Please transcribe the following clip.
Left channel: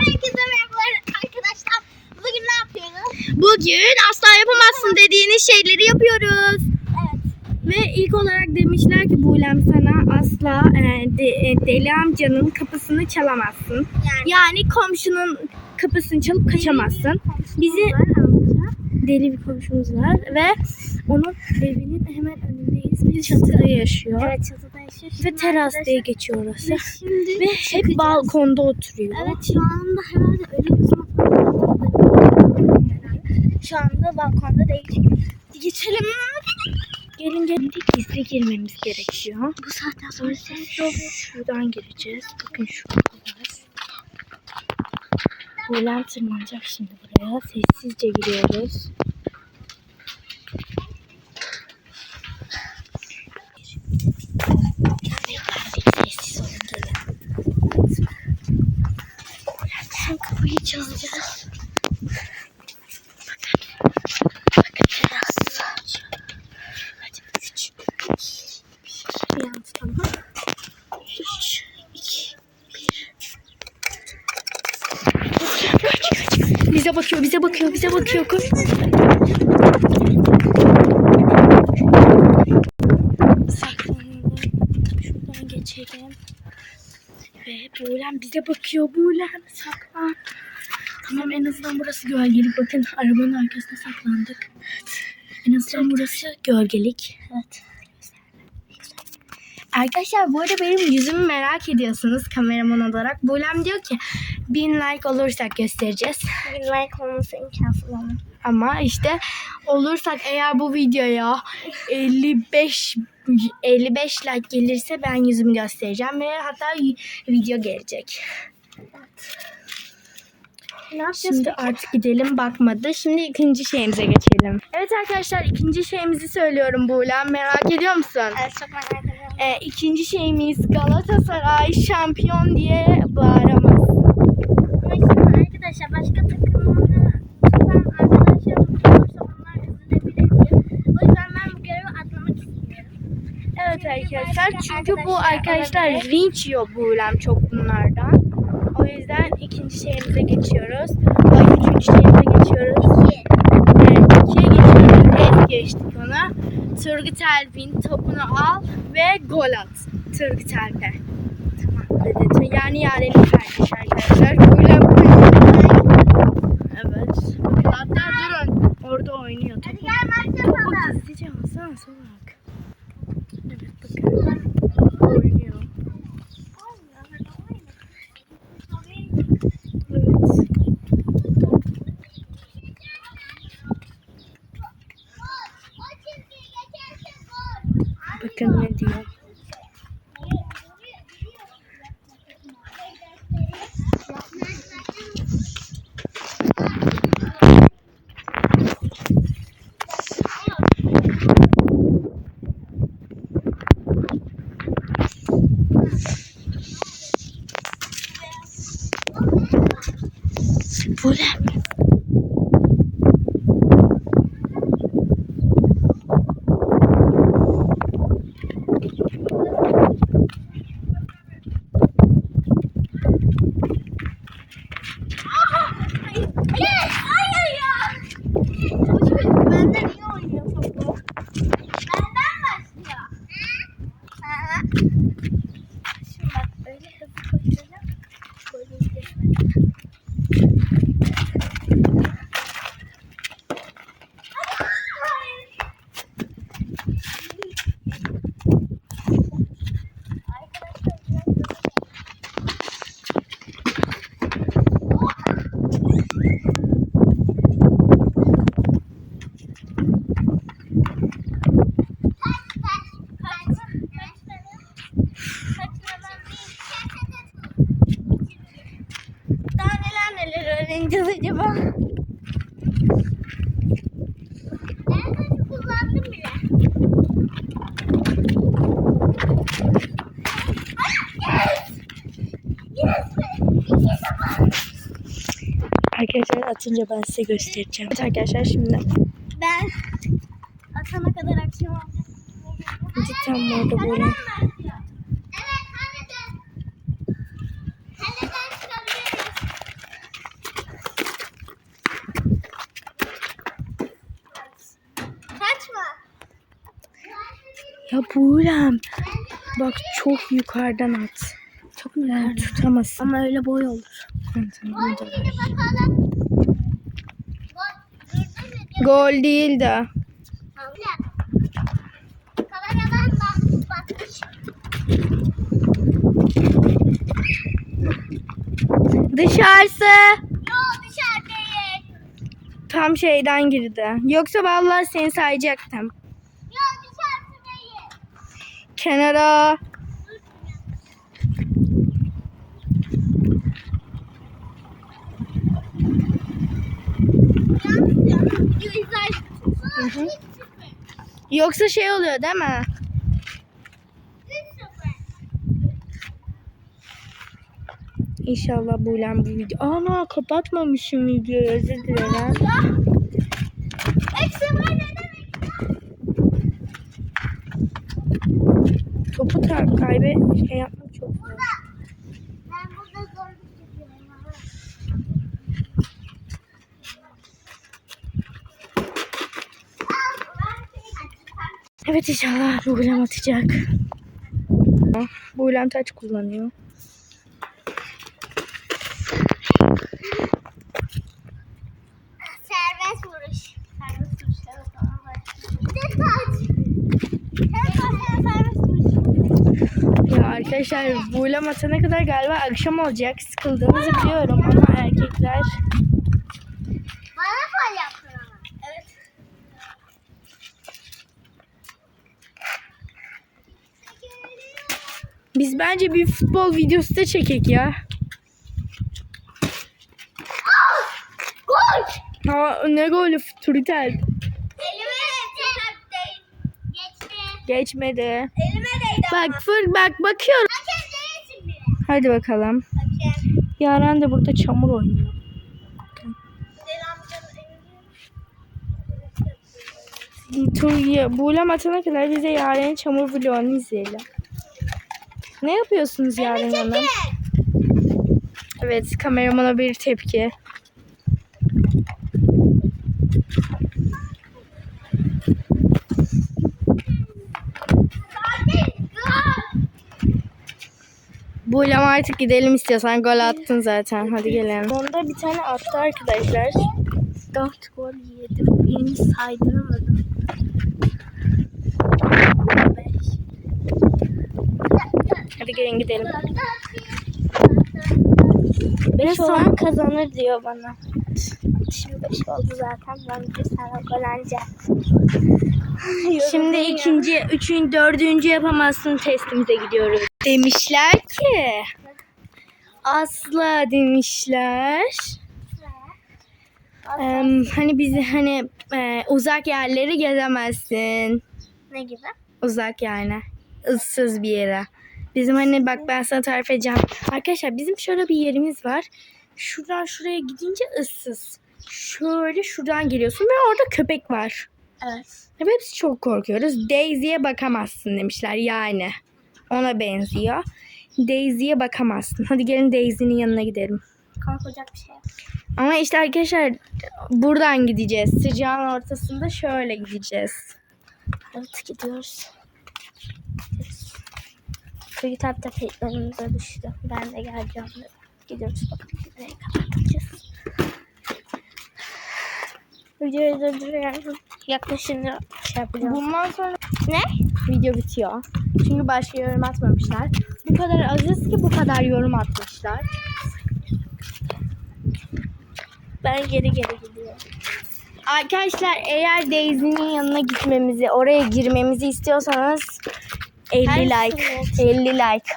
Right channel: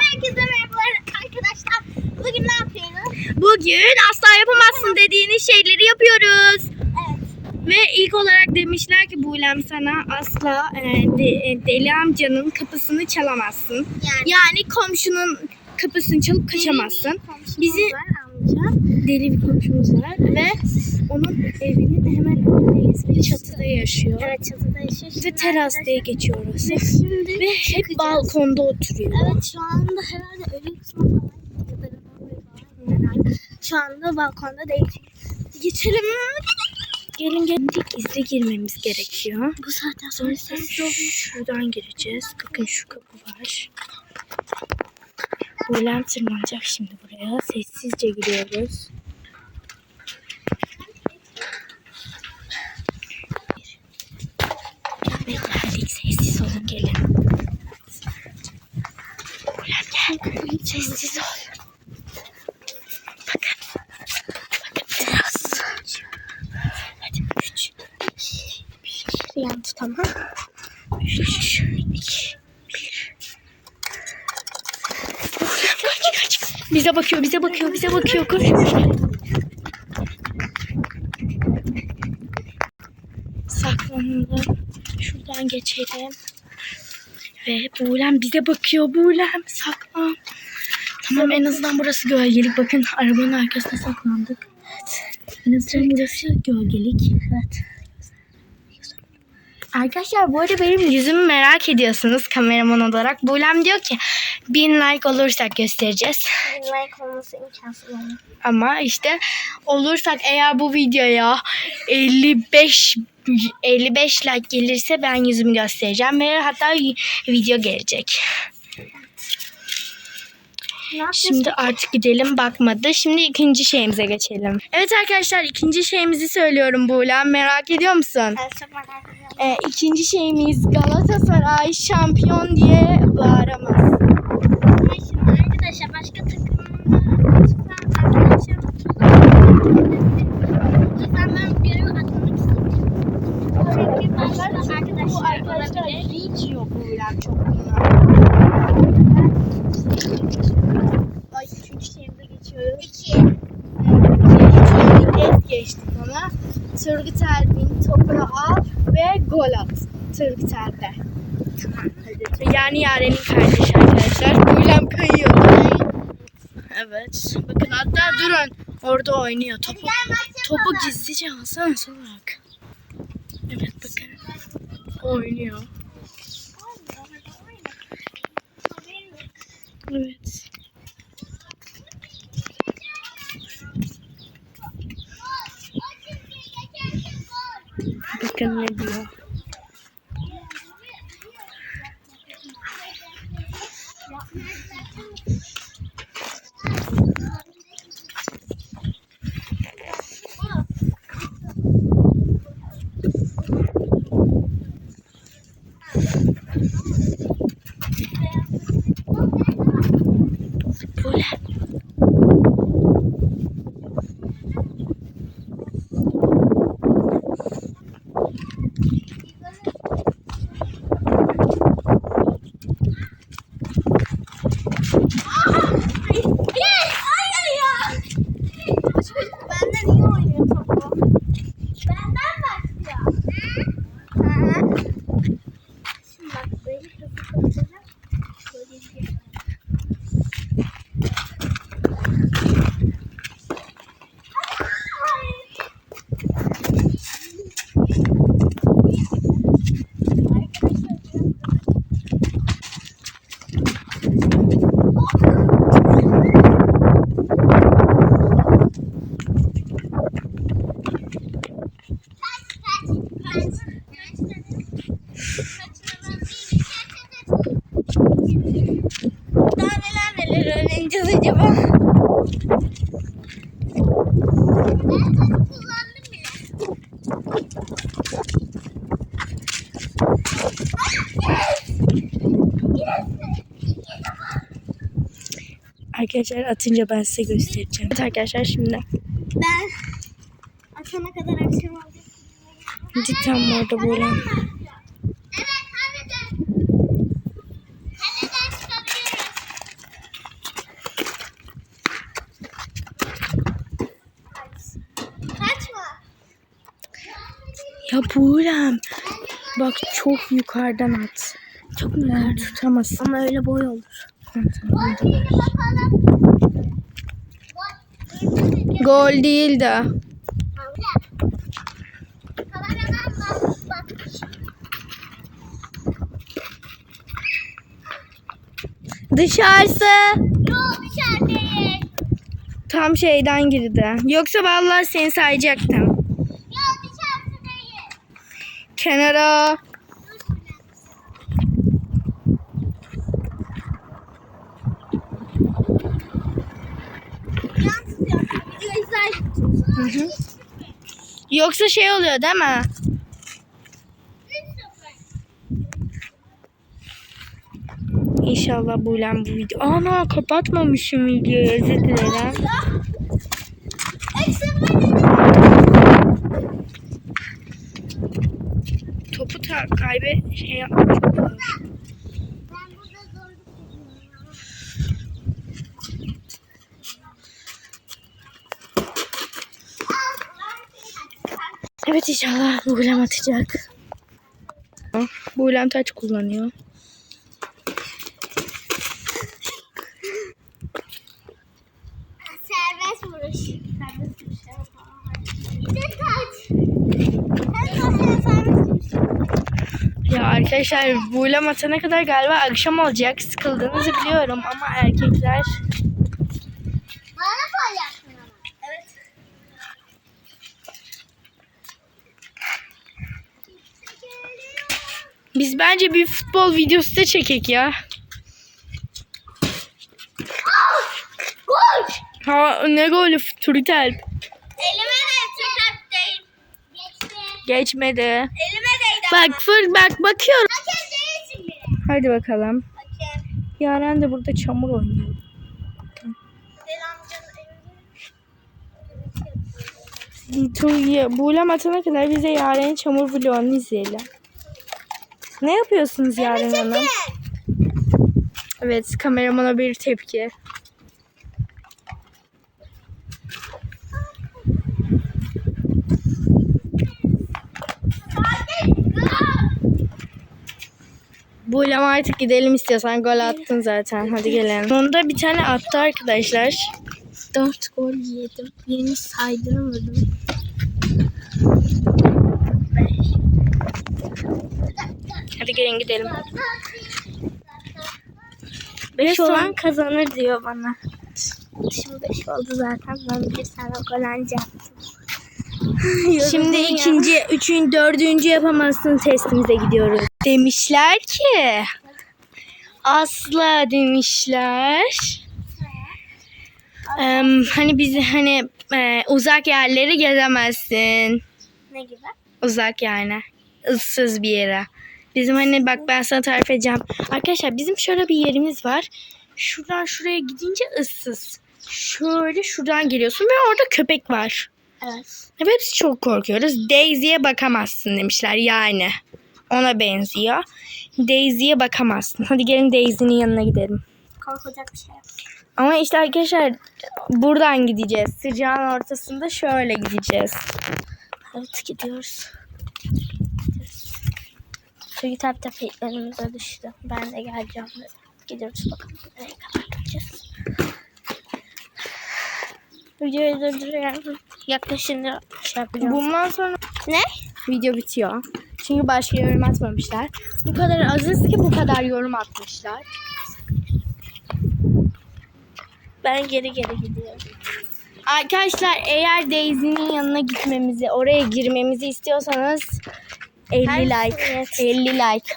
Herkese merhabalar arkadaşlar. Bugün ne yapıyoruz? Bugün asla yapamazsın dediğiniz şeyleri yapıyoruz. Evet. Ve ilk olarak demişler ki Buğlem sana asla e, de- e, deli amcanın kapısını çalamazsın. Yani. Yani komşunun kapısını çalıp kaçamazsın. Bizi deli bir komşumuz var ve onun evinin hemen önündeyiz ve çatıda yaşıyor. Evet çatıda yaşıyor. Ve Şimdi teras diye geçiyor orası. Ve şimdi Ve hep çıkacağız. balkonda oturuyor. Evet şu anda herhalde kısmı Şu anda balkonda değil. Geçelim. Gelin gelin gizli girmemiz gerekiyor. Bu saatten sonra ses şuradan gireceğiz. Bakın şu kapı var. Buğlem tırmanacak şimdi buraya. Sessizce giriyoruz. Ve geldik. Sessiz olun gelin. Buğlem gel. Kapıyı sessiz ol. Bakın. Bakın biraz. Hadi üç. Bir yan tutalım. Üç, iki, bir. Bize bakıyor, bize bakıyor, bize bakıyor. Koş. Saklanalım. Şuradan geçelim. Ve Buğlem bize bakıyor. Buğlem saklan. Tamam en azından burası gölgelik. Bakın arabanın arkasına saklandık. En azından burası gölgelik. Evet. Arkadaşlar bu arada benim yüzümü merak ediyorsunuz kameraman olarak. Buğlem diyor ki bin like olursak göstereceğiz. Bir like olması imkansız ama. Ama işte olursak eğer bu videoya 55 55 like gelirse ben yüzümü göstereceğim ve hatta video gelecek. Şimdi artık gidelim bakmadı. Şimdi ikinci şeyimize geçelim. Evet arkadaşlar ikinci şeyimizi söylüyorum Buğlem. Merak ediyor musun? Evet çok merak ediyorum. Ee, ikinci şeyimiz Galatasaray şampiyon diye bağıramaz. Ama şimdi arkadaşlar başka takımlarda çıkan O yüzden ben bu görevi atlamak. Evet arkadaşlar çünkü bu Arkadaşlar vinç yok Buğlem çok bunlardan. O yüzden ikinci şeyimize geçiyoruz. Ay üçüncü şeyimize geçiyoruz. İki. Evet, ikiye geçiyoruz. Es geçtik ona. Turgut Alp'in topunu al ve gol at. Turgut Alp'e. Tamam. Yani Yaren'in kardeşi arkadaşlar. Buğlem kayıyor. Evet. Bakın hatta durun. Orada oynuyor. Topu, topu gizlice alsana salak. Evet bakın. Oynuyor. Evet. Bakın ne diyor. Bu ne? Benden iyi oynuyor topu. Benden başlıyor. Hı hı. Şimdi bak öyle hızlı koşacağım. Böyle izleyeceğim. Daha neler öğreneceğiz acaba? kullandım bile. Arkadaşlar atınca ben size göstereceğim. Evet arkadaşlar şimdi Ben atana kadar akşam olacak. cidden mi orada böyle? Ya Buğrem. Bak çok yukarıdan at. Çok mu yukarıdan? Tutamazsın. Ama öyle boy olur. Tamam, tamam. Gol değil de. Dışarısı. Yok dışarı değil. Tam şeyden girdi. Yoksa vallahi seni sayacaktım. Kenara. Hı hı. Yoksa şey oluyor değil mi? İnşallah Buğlem bu video. Ana kapatmamışım videoyu özür dilerim. Eksi var Topu ta kaybe şey ama. Evet inşallah Buğlem atacak. Buğlem taç kullanıyor. Serbest vuruş. Serbest vuruş. Evet tamam. Bir de taç. Hem taç hem serbest arkadaşlar Buğlem atana kadar galiba akşam olacak. Sıkıldığınızı biliyorum ama erkekler Bana yaptın ama. Evet. Biz bence bir futbol videosu da çekek ya. Gol. Ha ne golü Turtel. Elime de. Geçti. Geçmedi. Elime. Bak fır bak bakıyorum. Hadi bakalım. Hakem. Yaren de burada çamur oynuyor. Buğlem atana kadar bize Yaren'in çamur vlogunu izleyelim. Ne yapıyorsunuz Yaren Hanım? Evet kameramana bir tepki. Buğlem artık gidelim istiyorsan gol attın zaten. Hadi gelelim. Onda bir tane attı arkadaşlar. Dört gol yedim. Birini saydıramadım. Hadi gelin gidelim. Beş olan kazanır diyor bana. Şimdi beş oldu zaten. Ben bir tane gol alacağım. Şimdi ikinci, üçüncü, dördüncü yapamazsın testimize gidiyoruz. Demişler ki asla demişler. Em, hani bizi hani e, uzak yerleri gezemezsin. Ne gibi? Uzak yani. ıssız bir yere. Bizim hani bak ben sana tarif edeceğim. Arkadaşlar bizim şöyle bir yerimiz var. Şuradan şuraya gidince ıssız. Şöyle şuradan geliyorsun ve orada köpek var. Evet. Ve hepsi çok korkuyoruz. Daisy'ye bakamazsın demişler yani. Ona benziyor. Daisy'ye bakamazsın. Hadi gelin Daisy'nin yanına gidelim. Korkacak bir şey yok. Ama işte arkadaşlar buradan gideceğiz. Sıcağın ortasında şöyle gideceğiz. Evet gidiyoruz. Çünkü tabi tabi önümüze düştü. Ben de geleceğim dedim. Gidiyoruz bakalım nereye kadar gideceğiz. Videoyu durduruyorum. Yaklaşınca şey yapacağım. Bundan sonra Ne? video bitiyor. Çünkü başka yorum atmamışlar. Bu kadar azız ki bu kadar yorum atmışlar. Ben geri geri gidiyorum. Arkadaşlar eğer Daisy'nin yanına gitmemizi, oraya girmemizi istiyorsanız 50 like. Hangisini 50 like.